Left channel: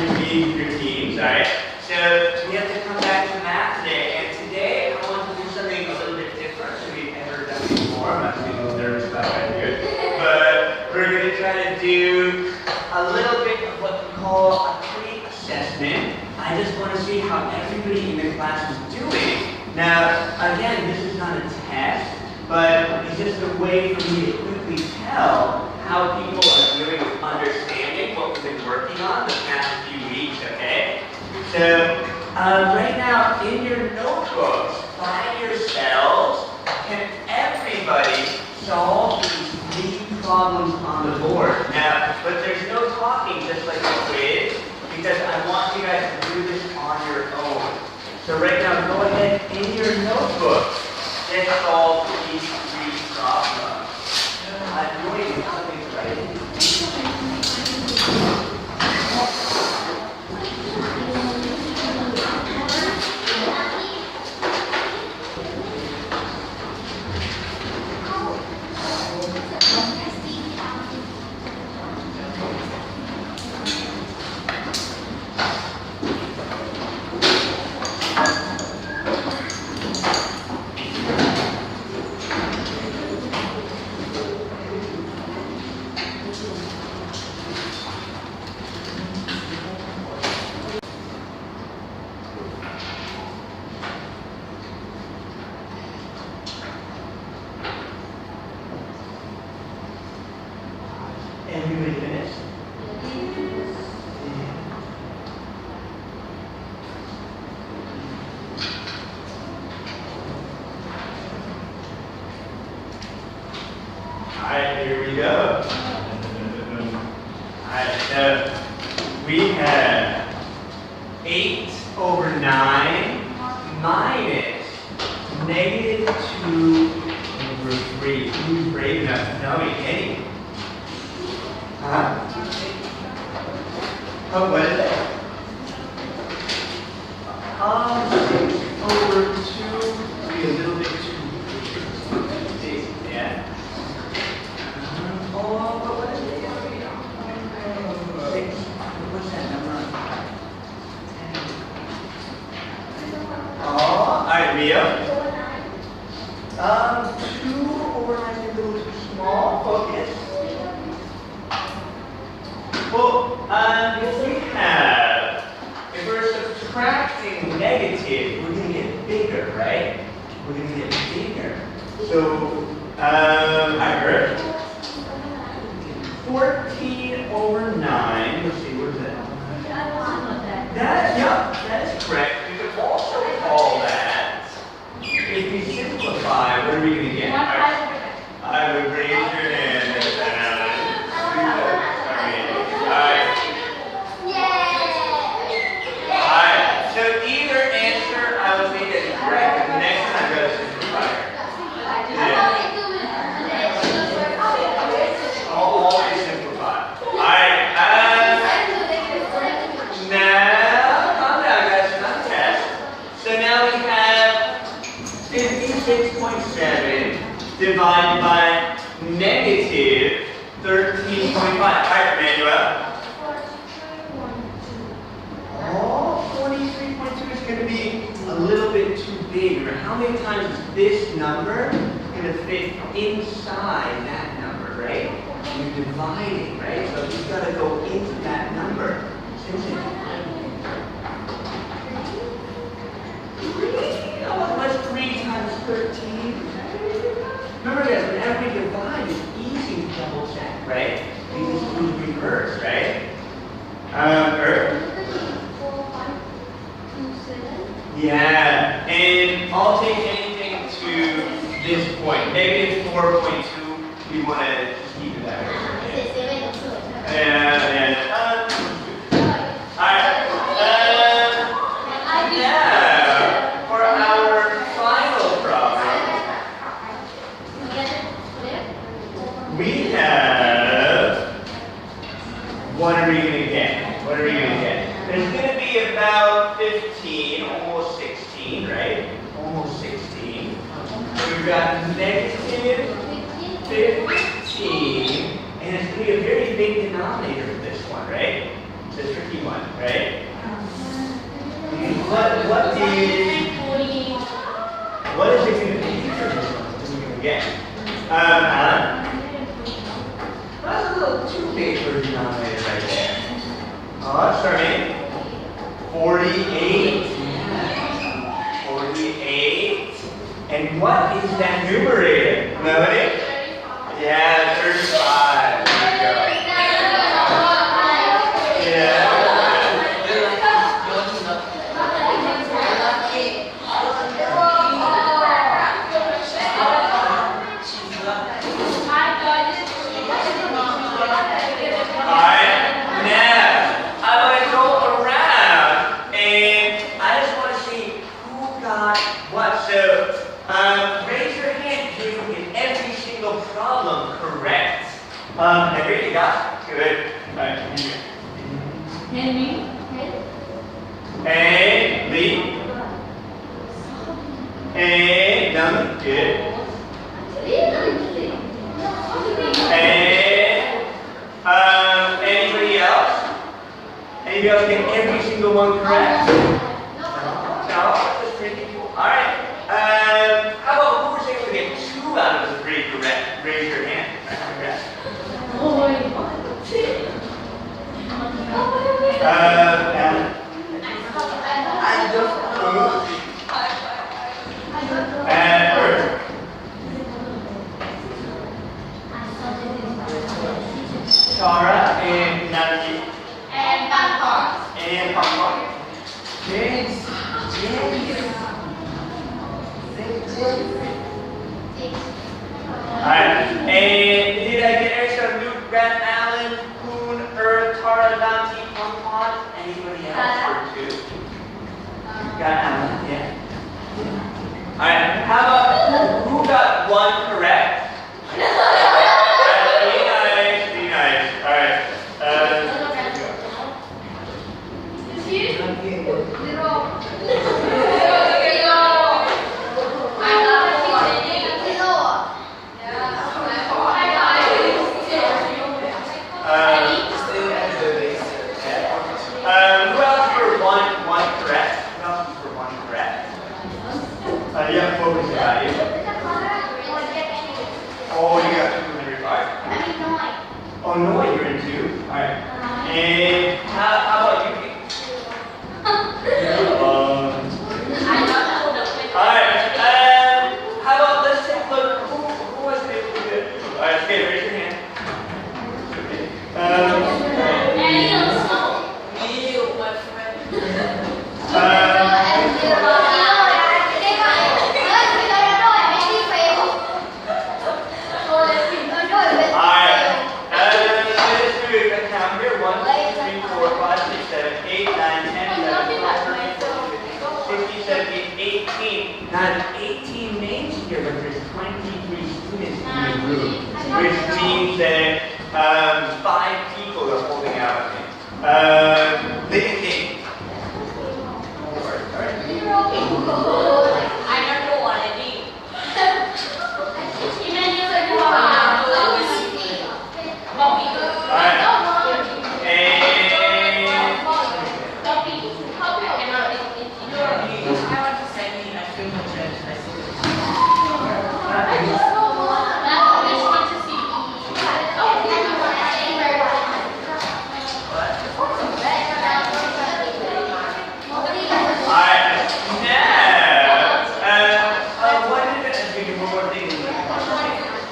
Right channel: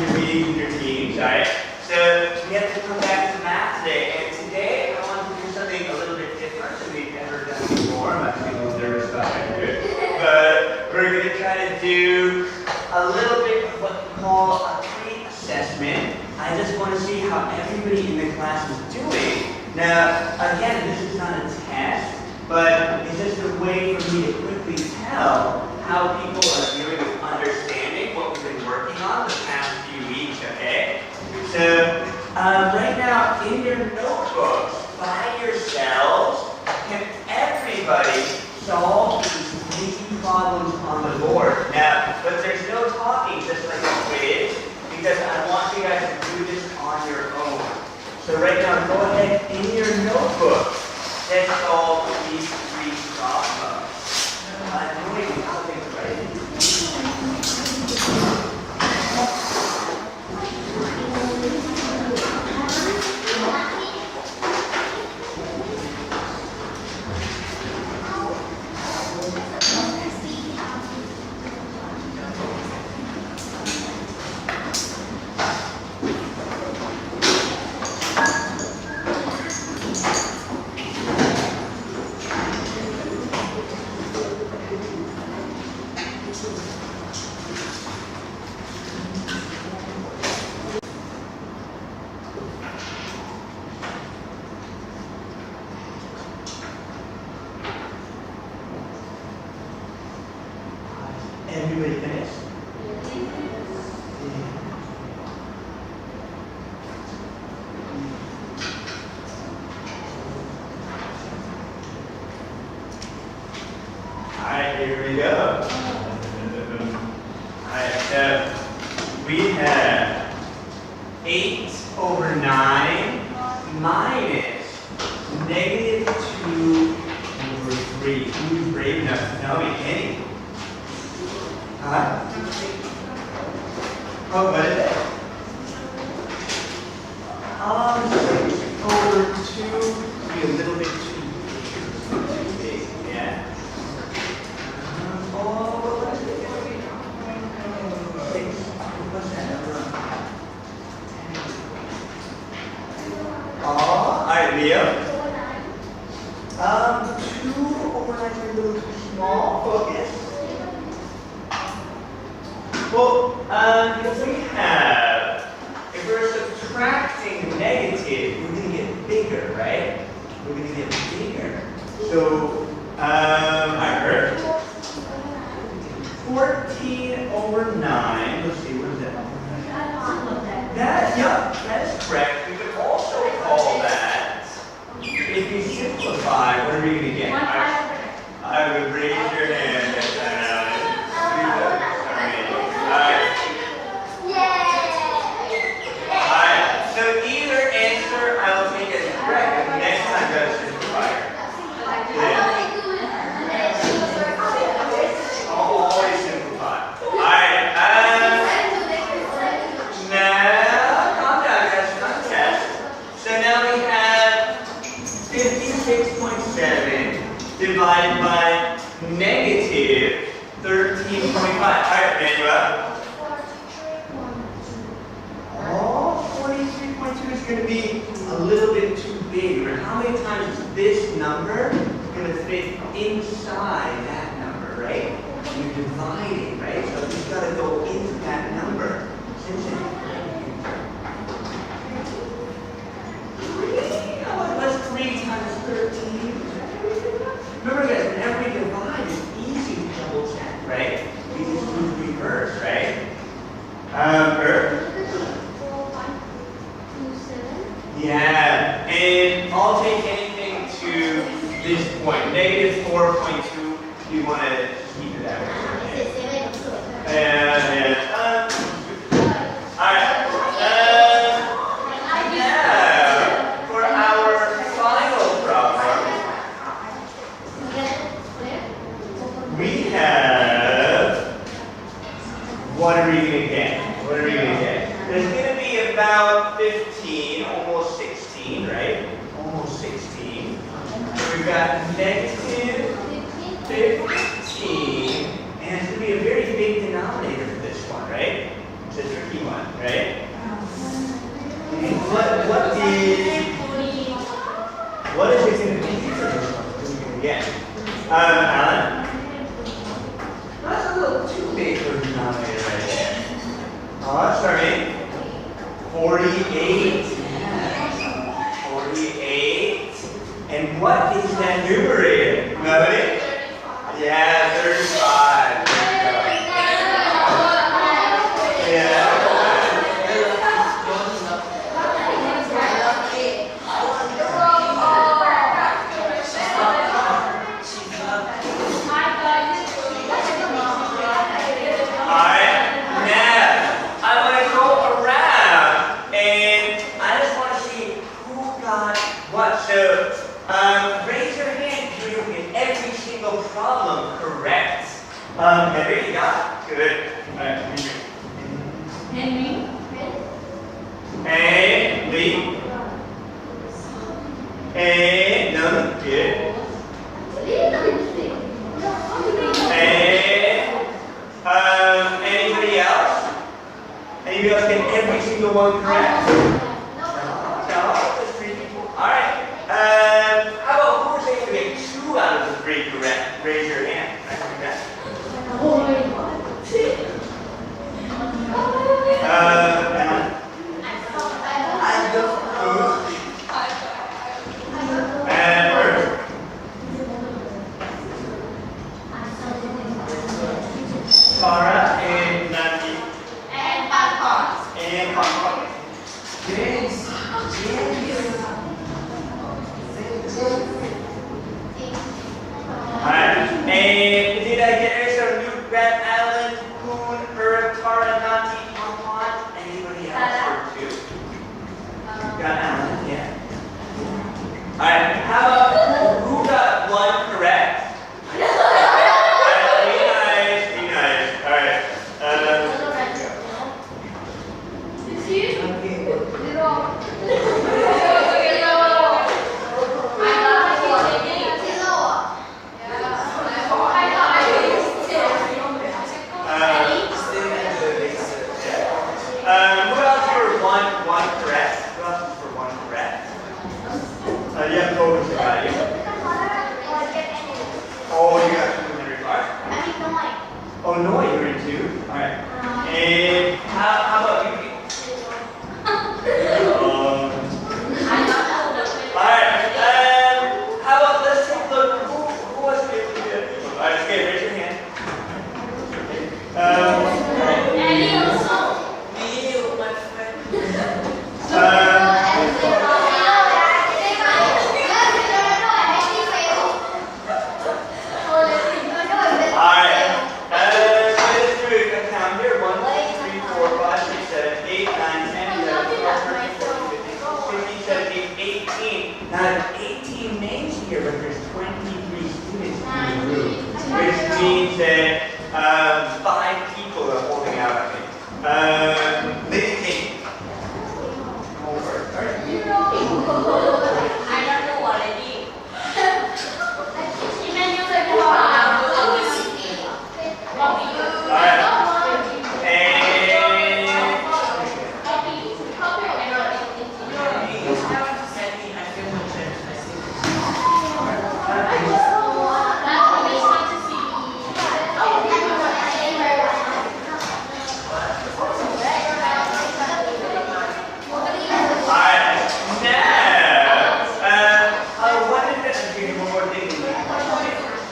your meetings and your teams, alright? So we have to come back to math today, and today I want to do something a little bit different than we've ever done before. I'm actually a little nervous about how to do it. But we're going to try to do a little bit of what we call a pre-assessment. I just want to see how everybody in the class is doing. Now, again, this is not a test, but it's just a way for me to quickly tell how people are doing with understanding what we've been working on the past few weeks, okay? So, right now, in your notebooks, by yourselves, can everybody solve these 3 problems on the board? Now, but there's no talking, just like a quiz, because I want you guys to do this on your own. So right now, go ahead in your notebook and solve these 3 problems. I'm doing something right. Everybody finished? Alright, here we go. Alright, so we have 8 over 9 minus negative 2 over 3. Who's brave enough to tell me any? Oh, what is it? 6 over 2 would be a little bit too big, yeah? What is it? 6. What's that number? 10. Alright, Leo. 2 over 9 is a little too small. Focus. Well, because we have, if we're subtracting negative, we're going to get bigger, right? We're going to get bigger. So, I heard 14 over 9, let's see, what is that? That is correct. We could also call that, if we simplify, what are we going to get? I would raise your hand like that. So either answer I will take as correct. Next time go to simplify. Yeah. I'll always simplify. Alright, now calm down guys, it's not a test. So now we have 56.7 divided by negative 13.5. Alright, Emmanuel. 43.2 is going to be a little bit too big. Remember, how many times is this number going to fit inside that number, right? You're dividing, right? So we've got to go into that number. Same thing. 3? What's 3 times 13? Remember guys, whenever we divide, it's easy to double check, right? We just do the reverse, right? Yeah, and I'll take anything to this point. Negative 4.2, we want to keep it that way. And alright. Now, for our final problem, we have, what are we going to get? What are we going to get? There's going to be about 15, almost 16, right? Almost 16. We've got negative 15, and it's going to be a very big denominator for this one, right? It's a tricky one. right? What is it going to be for this one? Again. Alan? That's a little too big for the denominator right there. Let's start in. 48. 48. And what is that numerator? Nobody? Yeah, 35. There you go. Yeah. Raise your hand if you get every single problem correct. Henry, you got it? Good. All right. Henry. And Lee. And None. Good. And anybody else? Anybody else get every single one correct? No. That's pretty cool. All right. How about who was able to get 2 out of the 3 correct? Raise your hand. Alan? And Earth? Tara and Nancy? And Papa. And Papa? Yes. Alright, and did I get extra Luke, Brett, Allen, Poon, Tara, Nancy, Pont? Anybody else for 2? Got Allen, yeah. Alright, how about who got 1 correct? Be nice. Alright. Who else for one correct? Who else for 1 correct? You have focus about you. Oh, you got 2 in your car? Oh, no, you're in 2. Alright. And how about you people? Alright. How about let's take a look. Who was able to do it? Alright, okay, raise your hand. Now, 18 names here, but there's 23 students in the group, which means that 5 people are holding out at me. Lady King. I don't know what it is.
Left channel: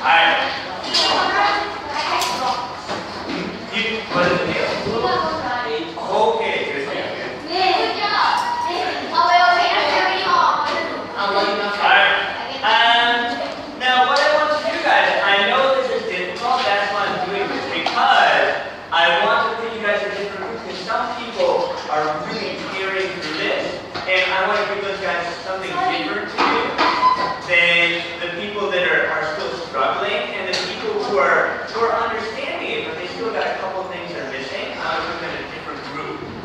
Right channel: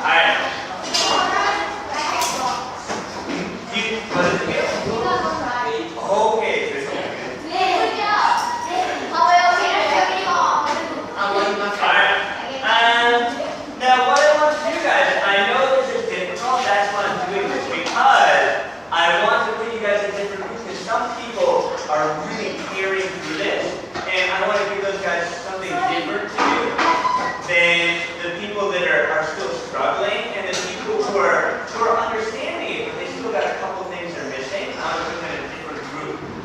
Alright.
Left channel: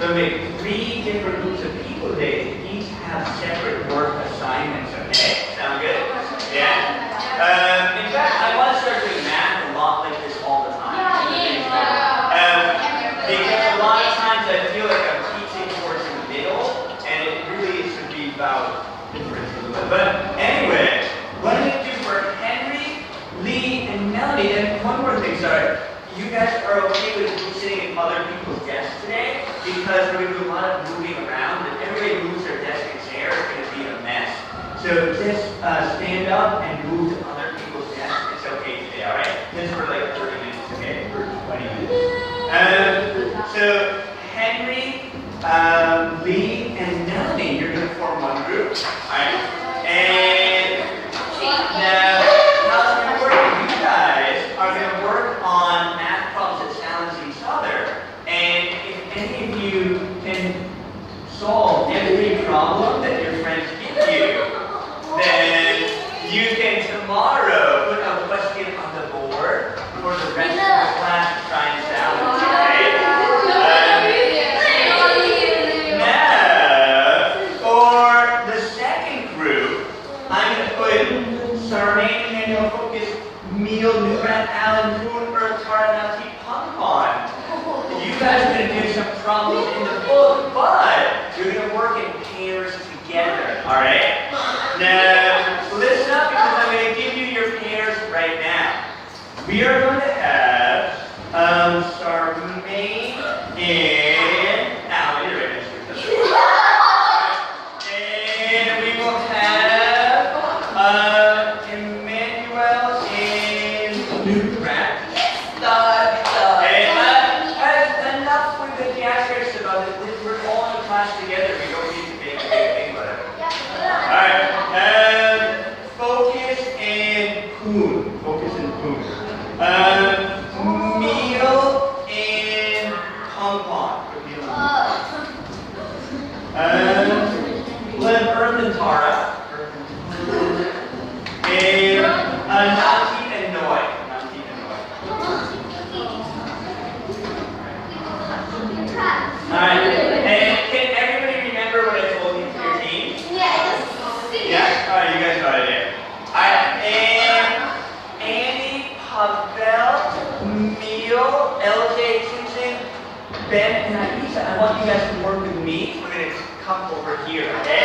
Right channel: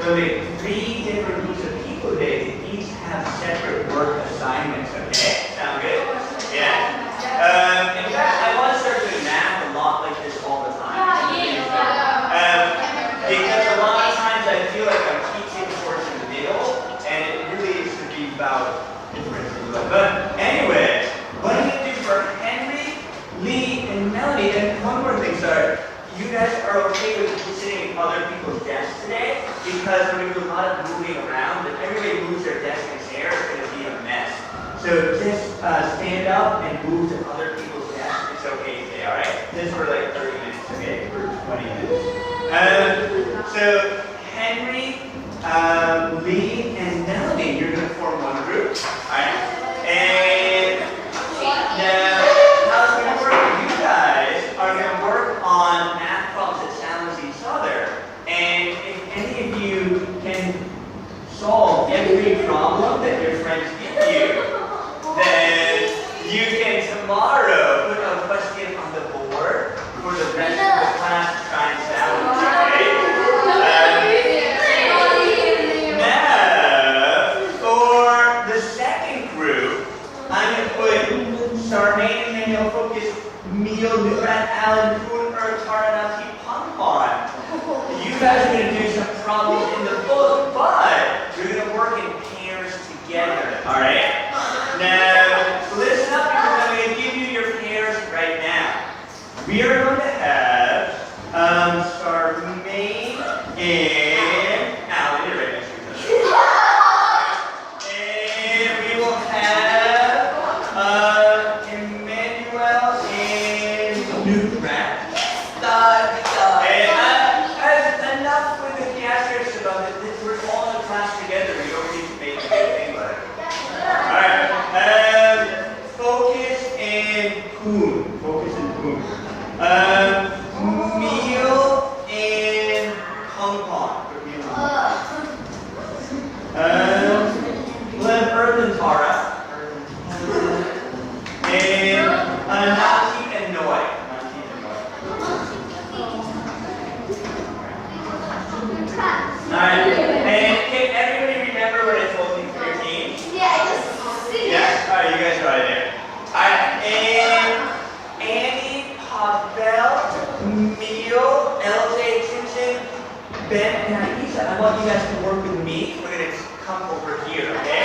So make 3 different groups of people today. Each have separate work assignments, okay? Sound good? Yeah? In fact, I want to start doing math a lot like this all the time. Because a lot of times I feel like I'm guys are okay with sitting in other people's desks today? Because we're going to do a lot of moving around. If everybody moves their desk and chair, it's going to be a mess. So just stand up and move to other people's desks. It's okay today, all right? This is for like 30 minutes, okay? For 20 minutes. So Henry, Lee, and Melanie, you're going to form one group, all right? And now, how it's going to work? You guys are going to work on math problems that challenge each other. And if any of you can solve every problem that your friends give you, then you can tomorrow put a question on the board for the rest of the class to try and challenge, right? Now, for the second group, I'm going to put Charmaine, Emmanuel, Focus, Meal, Newrat, Alan, Poon, Earth, Taranati, Pompon. You guys are going to do some problems in the book, but you're going to work in pairs together, all right? Now, listen up because I'm going to give you your pairs right now. We are going to have Charmaine and Alan, you're right next to each other. And we will have Emmanuel and Newrat. Enough with the theatrics about it. We're all in a class together. We don't need to make a big thing about it. Alright. Focus and Poon. Focus and Poon. Meal and Pompon. Earth and Tara. And Nati and Noi. Alright, and can everybody remember what I told you for your team? Yeah? Alright, you guys got it there. Alright, and Annie, Pavel, Neil, LJ, Tintin, Ben, and Aisha, I want you guys to work with me. We're going to come over here, okay?